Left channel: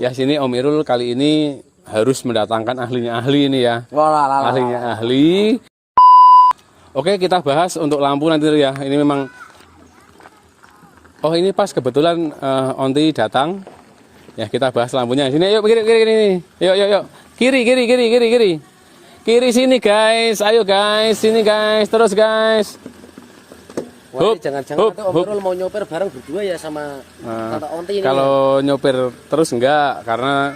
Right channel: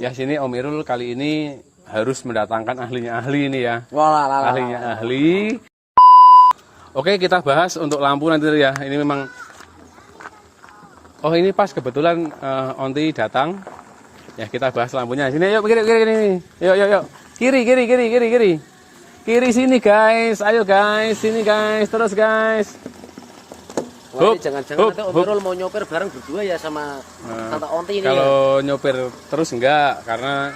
Ya sini Om Irul kali ini harus mendatangkan ahlinya ahli ini ya. Ahlinya ahli. Oke, kita bahas untuk lampu nanti ya. Ini memang oh ini pas kebetulan Onti datang. Ya kita bahas lampunya. Sini yuk kiri. Yuk. Kiri. Kiri sini guys. Ayo guys, sini guys. Terus guys. Jangan-jangan nanti Om Irul mau nyopir bareng berdua ya sama Tata Onti ini. Kalau ya? Nyopir terus enggak, karena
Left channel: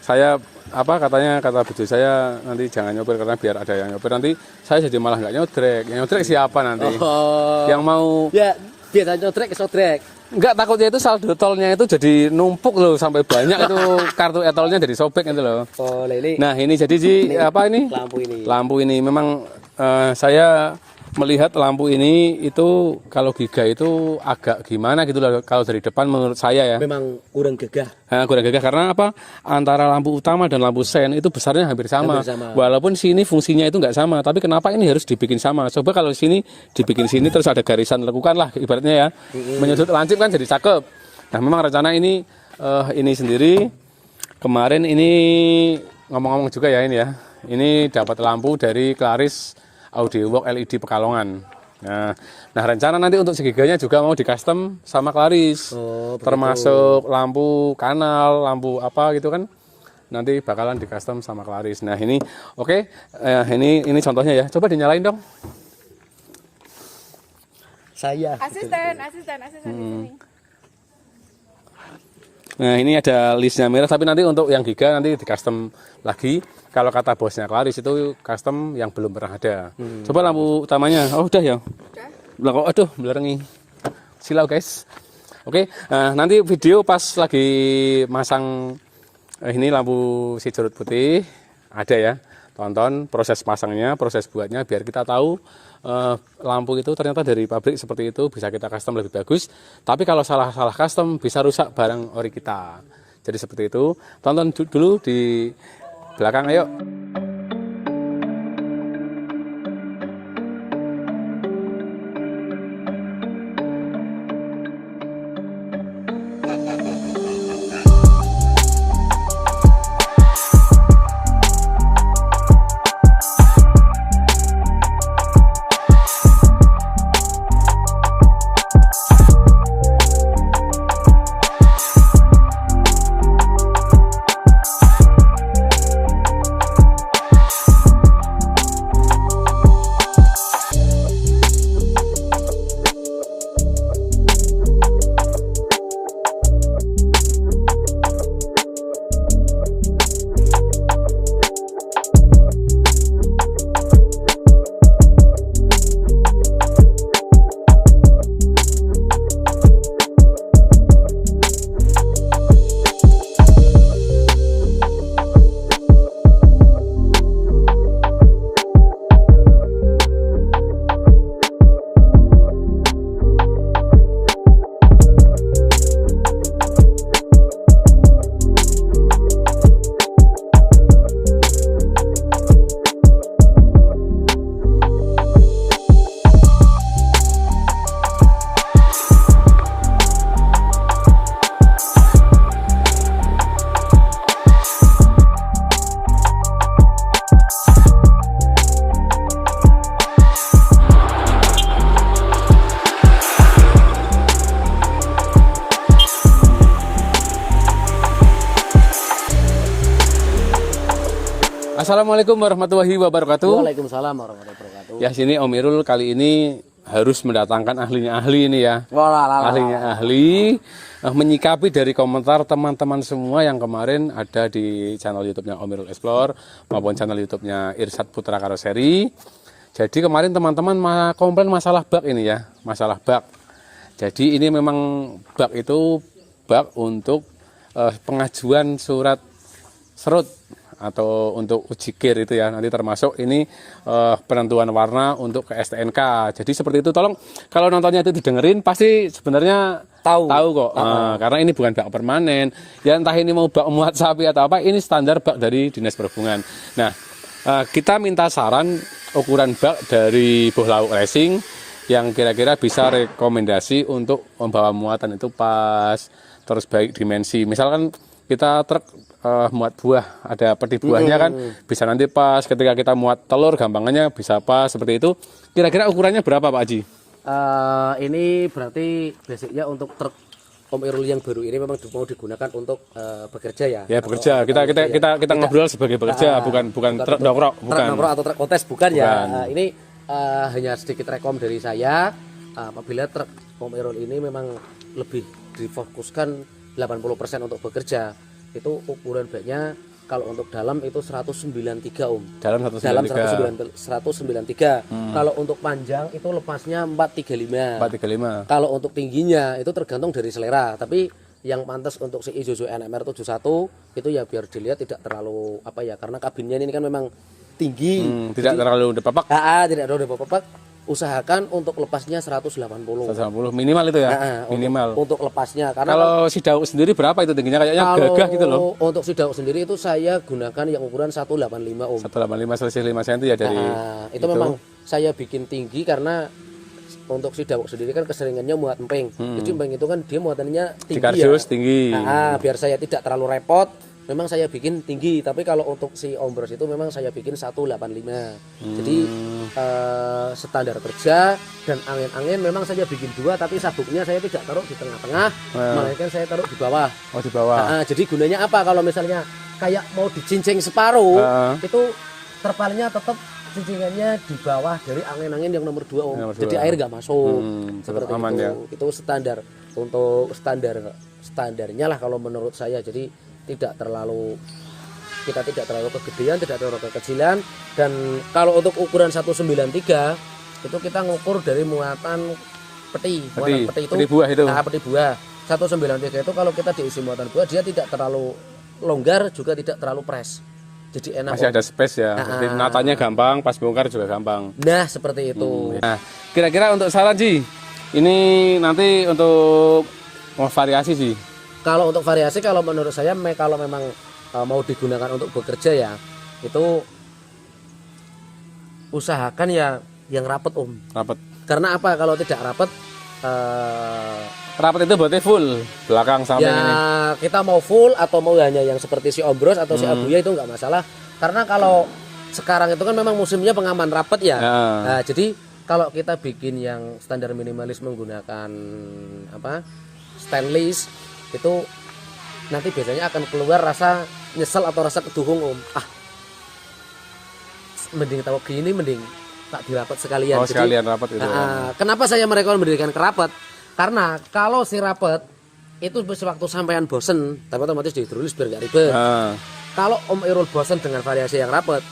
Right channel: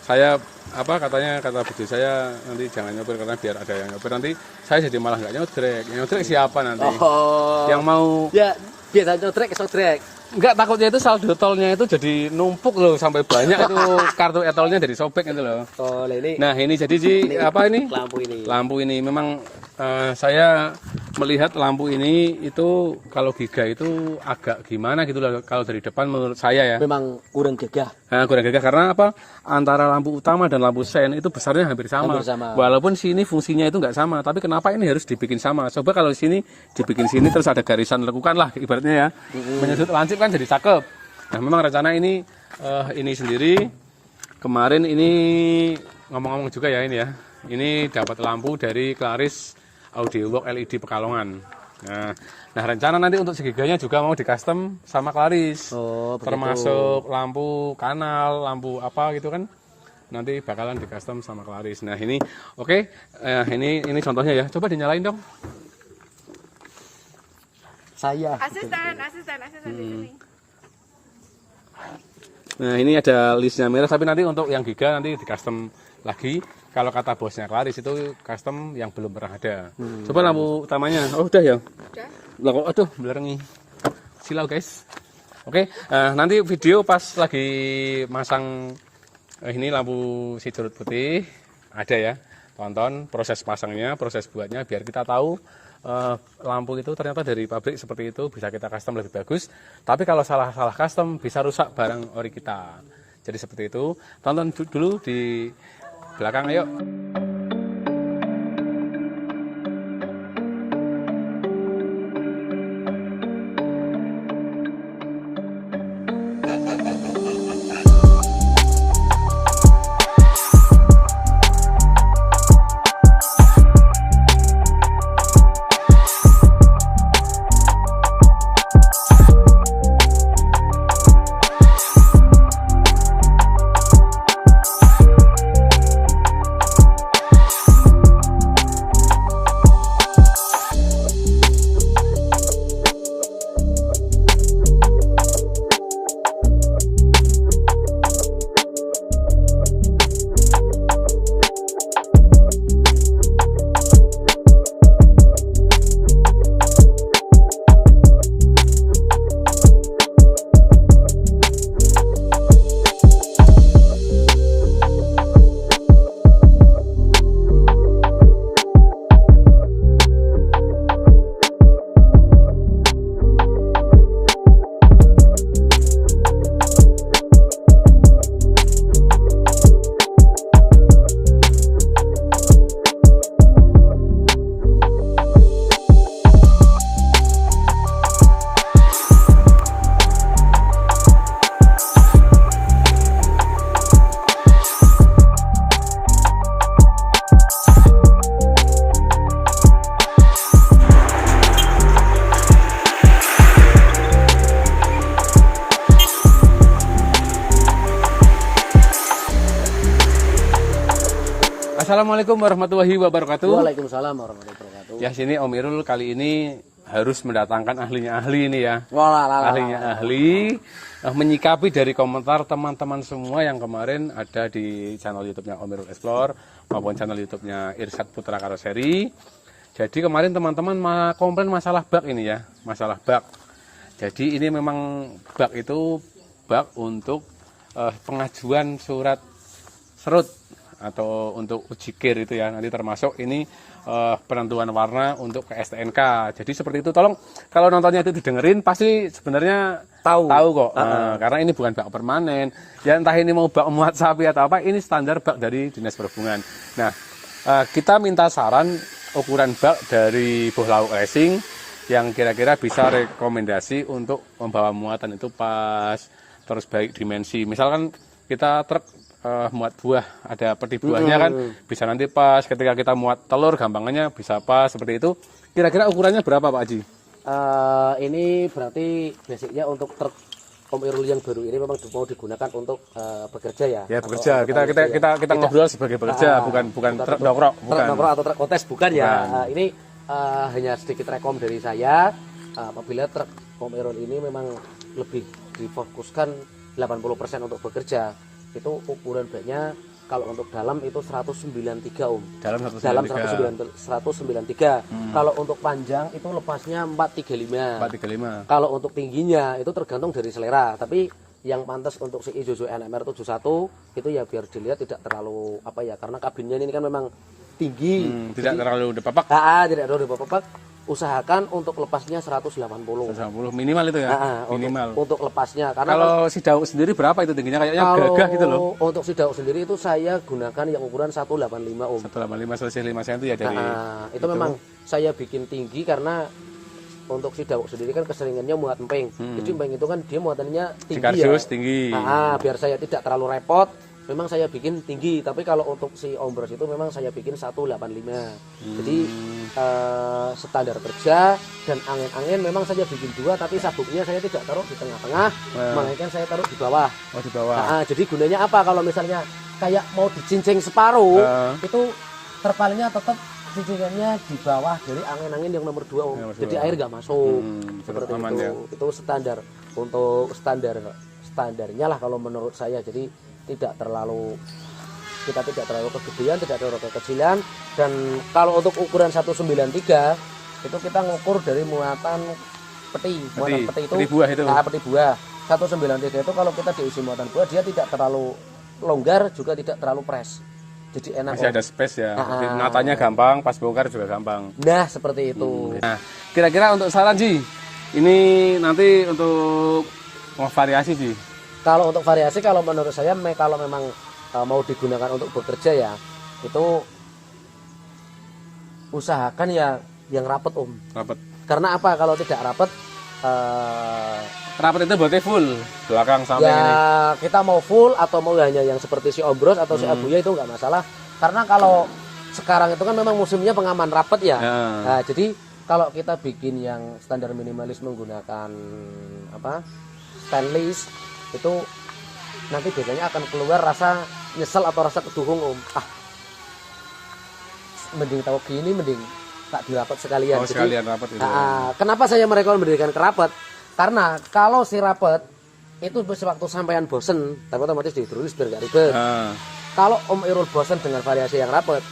saya kata bujuk saya nanti jangan nyopir karena biar ada yang nyopir, nanti saya jadi malah nggak nyotrek. Yang nyotrek siapa nanti? Yang mau ya biasa nyotrek kesodrek. Enggak, takutnya itu saldo tolnya itu jadi numpuk loh sampai banyak itu kartu etolnya jadi sobek gitu loh. Oh, ini. Nah, ini jadi apa ini? Lampu ini memang saya melihat lampu ini itu kalau giga itu agak gimana gitu loh kalau dari depan menurut saya ya. Memang kurang gagah. Nah, kurang gagah karena apa? Antara lampu utama dan lampu sen itu besarnya hampir sama. Walaupun sini fungsinya itu nggak sama, tapi kenapa ini harus dibikin sama? Coba kalau sini dibikin sini terus ada garisan lekukan lah ibaratnya ya. Menyudut lancip kan jadi cakep. Nah, memang rencana ini sendiri kemarin ini ngomong-ngomong juga ya ini ya. Ini dapat lampu dari Claris Audio Work LED Pekalongan. Nah, rencana nanti untuk segiganya juga mau di custom sama Claris. Termasuk lampu kanal, lampu apa gitu kan. Nanti bakalan di custom sama Claris. Nah, ini oke. Ini contohnya ya. Coba dinyalain dong. Asisten di sini. Nah, ini ada listnya merah, tapi nanti untuk yang giga nanti di custom lagi. Kalau kata bosnya Claris itu custom yang belum pernah ada. Coba lampu utamanya. Oh, udah ya. Udah. Aduh, belerengi. Silau guys. Oke, nanti video pas lagi masang ini lampu si jerut putih ada ya. Tonton proses pasangnya, proses buatnya biar kita tahu lampu itu ternyata dari pabrik seperti itu, bisa kita custom lebih bagus. Tapi kalau salah custom bisa rusak barang ori kita. Jadi seperti itu. Tonton dulu di belakang, ayo. Assalamualaikum warahmatullahi wabarakatuh. Waalaikumsalam warahmatullahi wabarakatuh. Ya sini Om Irul kali ini harus mendatangkan ahlinya ahli ini ya. Ahlinya ahli menyikapi dari komentar teman-teman semua yang kemarin ada di channel YouTube-nya Om Irul Explore maupun channel YouTube-nya Irsad Putra Karoseri. Jadi kemarin teman-teman komplain masalah bak ini ya, masalah bak. Jadi ini memang bak itu bak untuk pengajuan surat serut atau untuk uji kir itu ya, nanti termasuk ini penentuan warna untuk ke STNK. Jadi seperti itu, tolong kalau nontonnya itu didengerin pasti sebenarnya tahu kok. Karena ini bukan bak permanen ya, entah ini mau bak muat sapi atau apa, ini standar bak dari Dinas Perhubungan. Nah, kita minta saran ukuran bak dari Buh Lauk Racing yang kira-kira bisa rekomendasi untuk membawa muatan itu pas, terus baik dimensi. Misalkan kita truk muat buah, ada peti buahnya kan, bisa nanti pas ketika kita muat telur gampangannya bisa pas seperti itu. Kira-kira ukurannya berapa Pak Haji? Ini berarti basicnya untuk truk Om Irul yang baru ini memang mau digunakan untuk bekerja ya. Ya bekerja. Kita ngobrol sebagai bekerja, bukan truk dongkrok, bukan. Truk dongkrok atau truk kontes bukan ya. Ini hanya sedikit rekom dari saya. Apabila truk Om Irul ini memang lebih difokuskan 80% untuk bekerja, itu ukuran baknya kalau untuk dalam itu 193 Om. Dalam 193. Kalau untuk panjang itu lepasnya 435. 435. Kalau untuk tingginya itu tergantung dari selera, tapi yang pantas untuk si Isuzu NMR 71 itu ya biar dilihat tidak terlalu apa ya, karena kabinnya ini kan memang tinggi. Tidak terlalu depapak. Tidak terlalu depapak. Usahakan untuk lepasnya 180. 180 minimal itu ya. Minimal. Untuk lepasnya karena kalau si Dauk sendiri berapa itu tingginya, kayaknya gagah gitu loh. Untuk si Dauk sendiri itu saya gunakan yang ukuran 185 Om. 185 selisih 5 cm ya dari. Itu memang saya bikin tinggi karena untuk si Dauk sendiri kan keseringannya muat emping. Jadi emping itu kan dia muatannya tinggi Kardus, ya. tinggi. Biar saya tidak terlalu repot, memang saya bikin tinggi. Tapi kalau untuk si Ombros itu memang saya bikin 185. Jadi standar kerja dan angin-angin memang saya bikin 2, tapi sabuknya saya tidak taruh di tengah-tengah, melainkan saya taruh di bawah. Oh, di bawah. Jadi gunanya apa? Kalau misalnya kayak mau dicincing separuh, itu terpalnya tetap cincingannya di bawah dari angin-angin yang nomor 2 Om. Jadi air nggak masuk. Seperti aman, itu. ya. Itu standar untuk standarnya lah kalau menurut saya. Jadi kita tidak terlalu kegedean, tidak terlalu kekecilan. Dan kalau untuk ukuran 193 itu kita ngukur dari muatan peti. Muatan peti itu, peti buah itu. Nah, peti buah 193 itu kalau kita diisi muatan buah dia tidak terlalu longgar juga tidak terlalu press. Jadi enak. Masih ada space ya. Natanya gampang, pas bongkar juga gampang. Nah, seperti itu. Nah, kira-kira untuk saran Ji, ini nanti untuk mau variasi sih. Kalau untuk variasi, kalau menurut saya kalau memang mau digunakan untuk bekerja ya, itu usahakan ya yang rapet Om. Rapet. Karena apa? Kalau tidak rapet, rapet itu berarti full belakang samping ya ini. kita mau full atau mau hanya yang seperti si Ombros atau si Abuya itu nggak masalah. Karena kalau sekarang itu kan memang musimnya pengaman rapet ya. Nah, jadi kalau kita bikin yang standar minimalis menggunakan stainless itu nanti biasanya akan keluar rasa nyesel atau rasa keduhung Om. Mending tahu gini, mending tak dirapet sekalian. Jadi sekalian rapet gitu. Kenapa saya merekomendasikan kerapet? Karena kalau si rapet itu sewaktu sampean bosen, tapi otomatis dihidrolis biar gak ribet. Kalau Om Irul bosen dengan variasi yang rapet,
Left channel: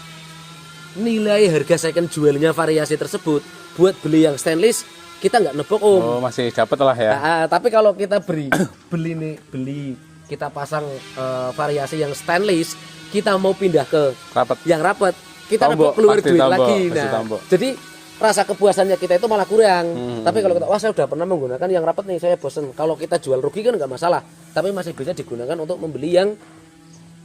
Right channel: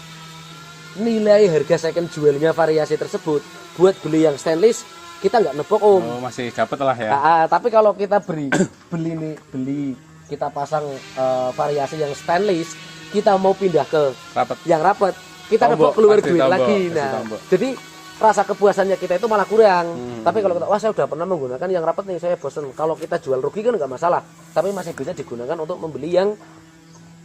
nilai harga second jualnya variasi tersebut buat beli yang stainless kita nggak nebok Om. Oh, masih dapat lah ya. Tapi kalau kita beli kita pasang variasi yang stainless, kita mau pindah ke rapet. Yang rapet, kita nebok keluar duit lagi. Nah, jadi rasa kepuasannya kita itu malah kurang. Tapi kalau kita, saya udah pernah menggunakan yang rapet nih, saya bosen. Kalau kita jual rugi kan nggak masalah. Tapi masih bisa digunakan untuk membeli yang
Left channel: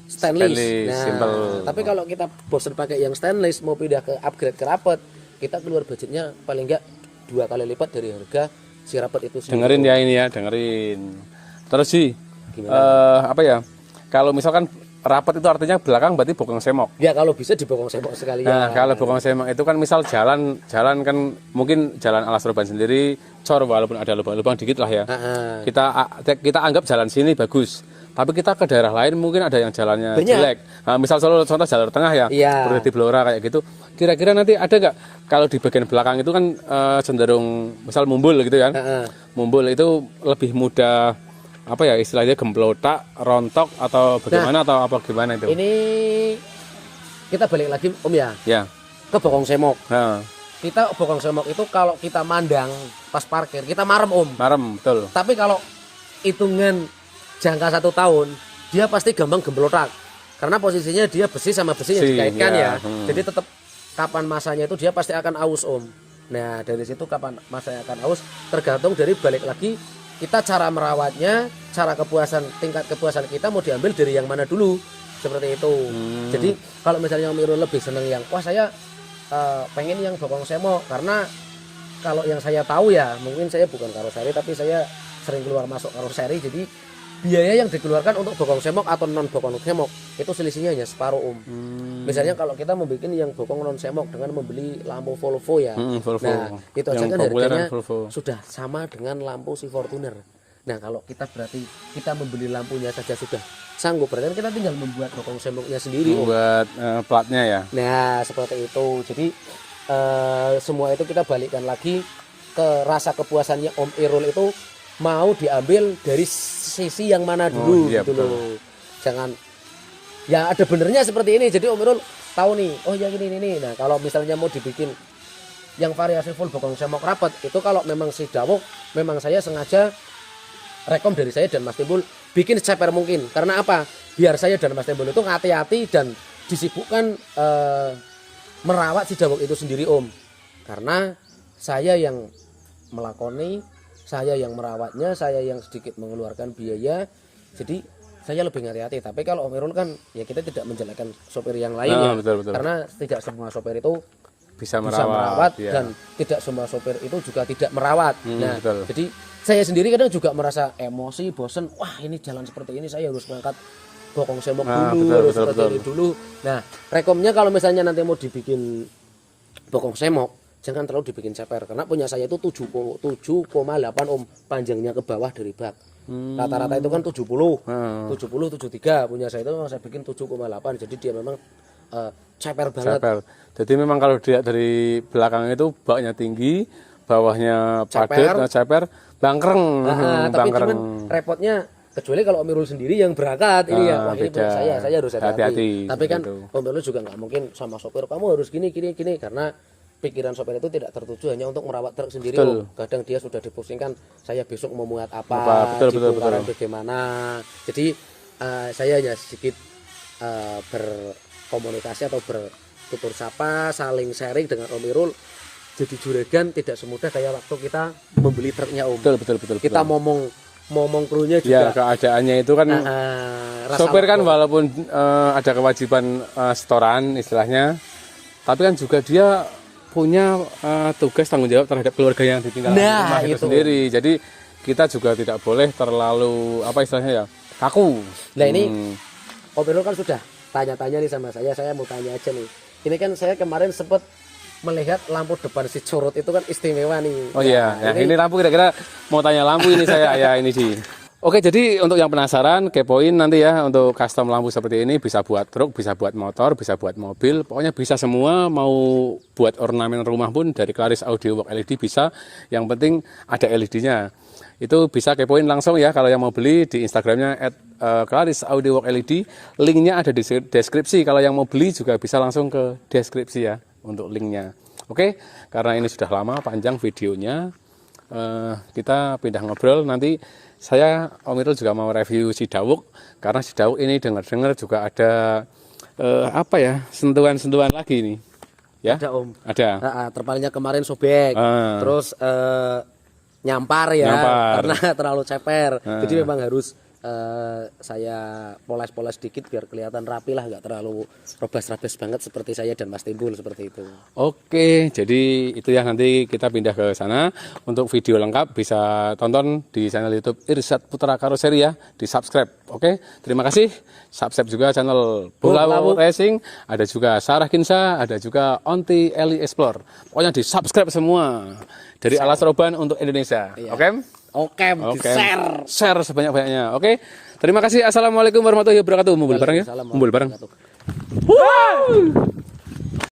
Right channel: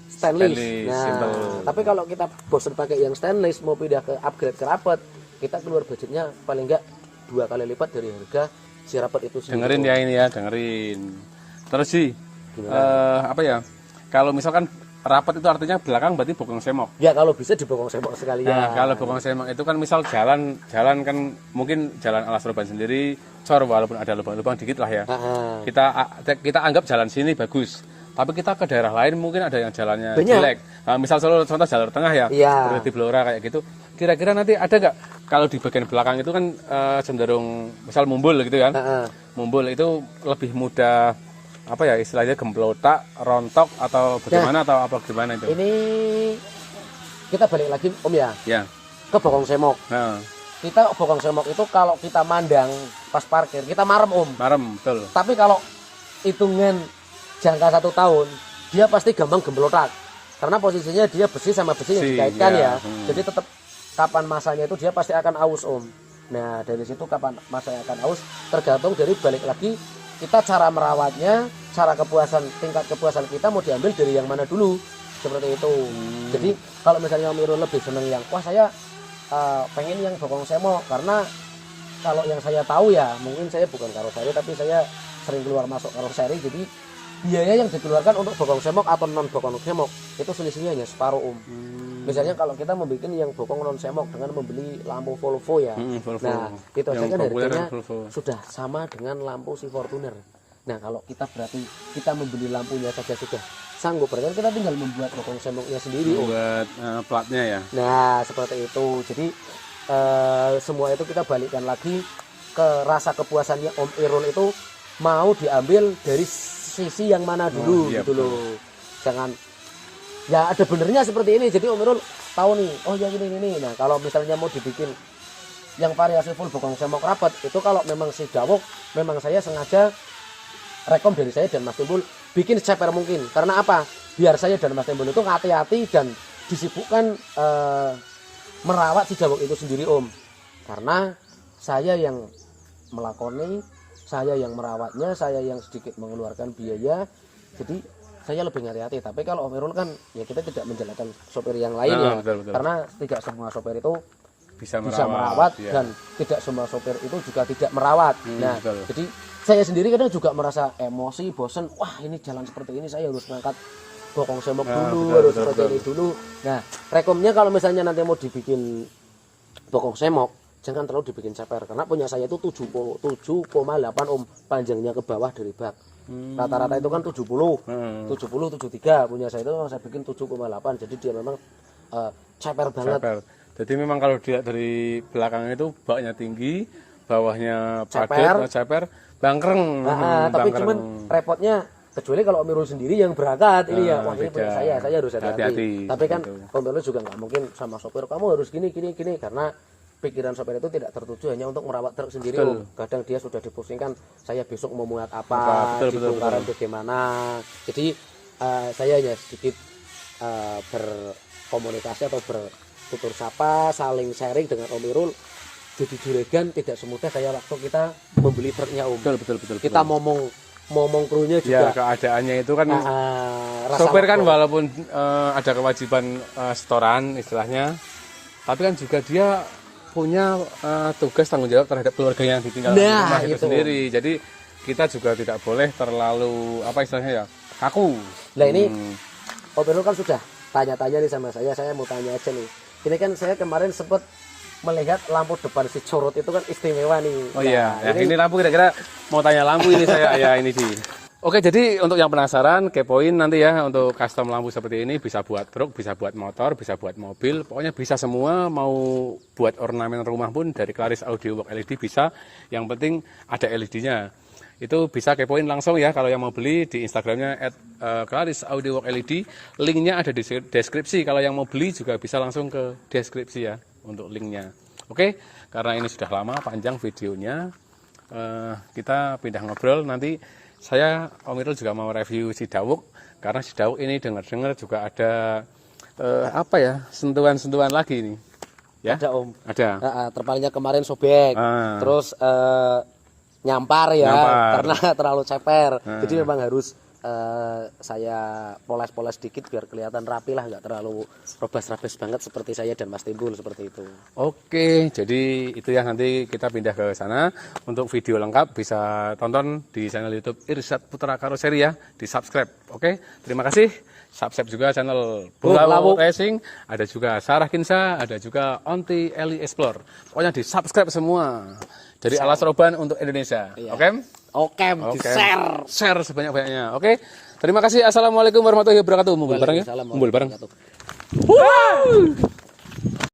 stainless. Nah, tapi kalau kita bosen pakai yang stainless, mau pindah ke upgrade ke rapet, kita keluar budgetnya paling nggak 2 kali lipat dari harga si rapet itu sendiri. Dengerin ya ini ya, dengerin. Terus sih, apa ya? Kalau misalkan rapet itu artinya belakang berarti bokong semok. Ya kalau bisa dibokong semok sekalian. Nah, kalau bokong semok itu kan misal jalan kan mungkin jalan Alas Roban sendiri cor walaupun ada lubang-lubang dikit lah ya. Kita anggap jalan sini bagus. Tapi kita ke daerah lain mungkin ada yang jalannya jelek. Nah, misal contoh jalur tengah ya, di Blora kayak gitu. Kira-kira nanti ada nggak kalau di bagian belakang itu kan cenderung misal mumbul gitu kan? Mumbul itu lebih mudah apa ya istilahnya gemplotak, rontok atau bagaimana atau apa gimana itu? Ini kita balik lagi Om ya. Ya. Ke bokong semok. Kita bokong semok itu kalau kita mandang pas parkir kita marem Om. Marem betul. Tapi kalau hitungan jangka 1 tahun dia pasti gampang gemplotak karena posisinya dia besi sama besi yang dikaitkan ya. Jadi tetap kapan masanya itu dia pasti akan aus Om. Nah dari situ kapan masanya akan aus tergantung dari balik lagi kita cara merawatnya, cara tingkat kepuasan kita mau diambil dari yang mana dulu seperti itu. Jadi kalau misalnya Om Irul lebih seneng yang saya pengen yang bokong semok karena kalau yang saya tahu ya mungkin saya bukan karoseri tapi saya sering keluar masuk karoseri jadi biaya yang dikeluarkan untuk bokong semok atau non bokong semok itu selisihnya hanya separuh Om. Misalnya kalau kita membuat yang bokong non semok dengan membeli lampu Volvo ya, Volvo. nah itu aja Yang kan populer harganya kan Volvo. sudah sama dengan lampu si Fortuner. Nah kalau kita berarti kita membeli lampunya saja sudah sanggup, berarti kan kita tinggal membuat bokong semoknya sendiri Om. Buat platnya ya. Nah seperti itu, jadi semua itu kita balikkan lagi ke rasa kepuasannya Om Irul itu mau diambil dari sisi yang mana dulu iya, gitu loh. Jangan ya ada benernya seperti ini. Jadi Om Irul tahu nih, oh yang ini. Nah, kalau misalnya mau dibikin yang variasi full bokong semok rapat itu kalau memang si Dawok memang saya sengaja rekom dari saya dan Mas Timbul bikin seceper mungkin. Karena apa? Biar saya dan Mas Timbul itu hati-hati dan disibukkan merawat si Dawok itu sendiri Om. Karena saya yang melakoni, saya yang merawatnya, saya yang sedikit mengeluarkan biaya, jadi saya lebih hati-hati. Tapi kalau Om Irul kan ya kita tidak menjelekkan sopir yang lain ya, betul. karena tidak semua sopir itu Bisa merawat ya. dan tidak semua sopir itu juga tidak merawat. Nah, betul. jadi saya sendiri kadang juga merasa emosi, bosen. Wah ini jalan seperti ini saya harus ngangkat bokong semok dulu, harus seperti ini dulu. Nah, rekomnya kalau misalnya nanti mau dibikin bokong semok jangan terlalu dibikin ceper karena punya saya itu 7,8 Om panjangnya ke bawah dari bak. Rata-rata itu kan 70, 73 punya saya itu saya bikin 7,8 jadi dia memang ceper banget. Ceper. Jadi memang kalau dilihat dari belakang itu baknya tinggi, bawahnya padat, ceper, bangkreng. Tapi bangkreng. cuman repotnya kecuali kalau Om Irul sendiri yang berangkat ini ya, wah ini punya saya harus hati-hati. Tapi kan Om Irul juga nggak mungkin sama sopir kamu harus gini karena pikiran sopir itu tidak tertuju hanya untuk merawat truk sendiri Om. Kadang dia sudah dipusingkan saya besok mau muat apa, di bongkaran bagaimana. Jadi saya hanya sedikit berkomunikasi atau bertutur sapa, saling sharing dengan Om Irul. Jadi juragan tidak semudah kayak waktu kita membeli truknya Om. Betul. Kita ngomong krunya juga. Ya keadaannya itu kan sopir kan walaupun ada kewajiban setoran istilahnya, tapi kan juga dia punya tugas tanggung jawab terhadap keluarga yang ditinggalkan di rumah itu sendiri. Jadi kita juga tidak boleh terlalu apa istilahnya ya kaku. Nah ini Om Irul kan sudah tanya-tanya nih sama saya mau tanya aja nih. Ini kan saya kemarin sempat melihat lampu depan si Corot itu kan istimewa nih. Oh iya, nah, ini lampu kira-kira mau tanya lampu ini saya ya ini sih. Oke, jadi untuk yang penasaran, kepoin nanti ya untuk custom lampu seperti ini bisa buat truk, bisa buat motor, bisa buat mobil, pokoknya bisa semua. Mau buat ornamen rumah pun dari Claris Audio Work LED bisa. Yang penting ada LED-nya. Itu bisa kepoin langsung ya kalau yang mau beli di Instagramnya @Claris Audio Work LED. Linknya ada di deskripsi. Kalau yang mau beli juga bisa langsung ke deskripsi ya untuk linknya. Oke, karena ini sudah lama panjang videonya, kita pindah ngobrol nanti. Saya Om Irul juga mau review si Dawok karena si Dawok ini dengar-dengar juga ada sentuhan-sentuhan lagi nih. Ya? Ada Om. Ada. Terpalnya kemarin sobek, terus nyampar ya karena terlalu ceper. Jadi memang harus saya poles-poles dikit biar kelihatan rapi lah, nggak terlalu robas-rabas banget seperti saya dan Mas Timbul seperti itu. Oke, jadi itu ya nanti kita pindah ke sana. Untuk video lengkap bisa tonton di channel YouTube Irsyad Putra Karoseri ya, di subscribe. Oke, terima kasih. Subscribe juga channel Bola Racing, ada juga Sarah Kinsa, ada juga Onti Eli Explore. Pokoknya di subscribe semua dari Alas Roban untuk Indonesia. Oke? Oke, share sebanyak-banyaknya. Oke. Terima kasih. Assalamualaikum warahmatullahi wabarakatuh. Mumpul bareng ya. Mumpul bareng.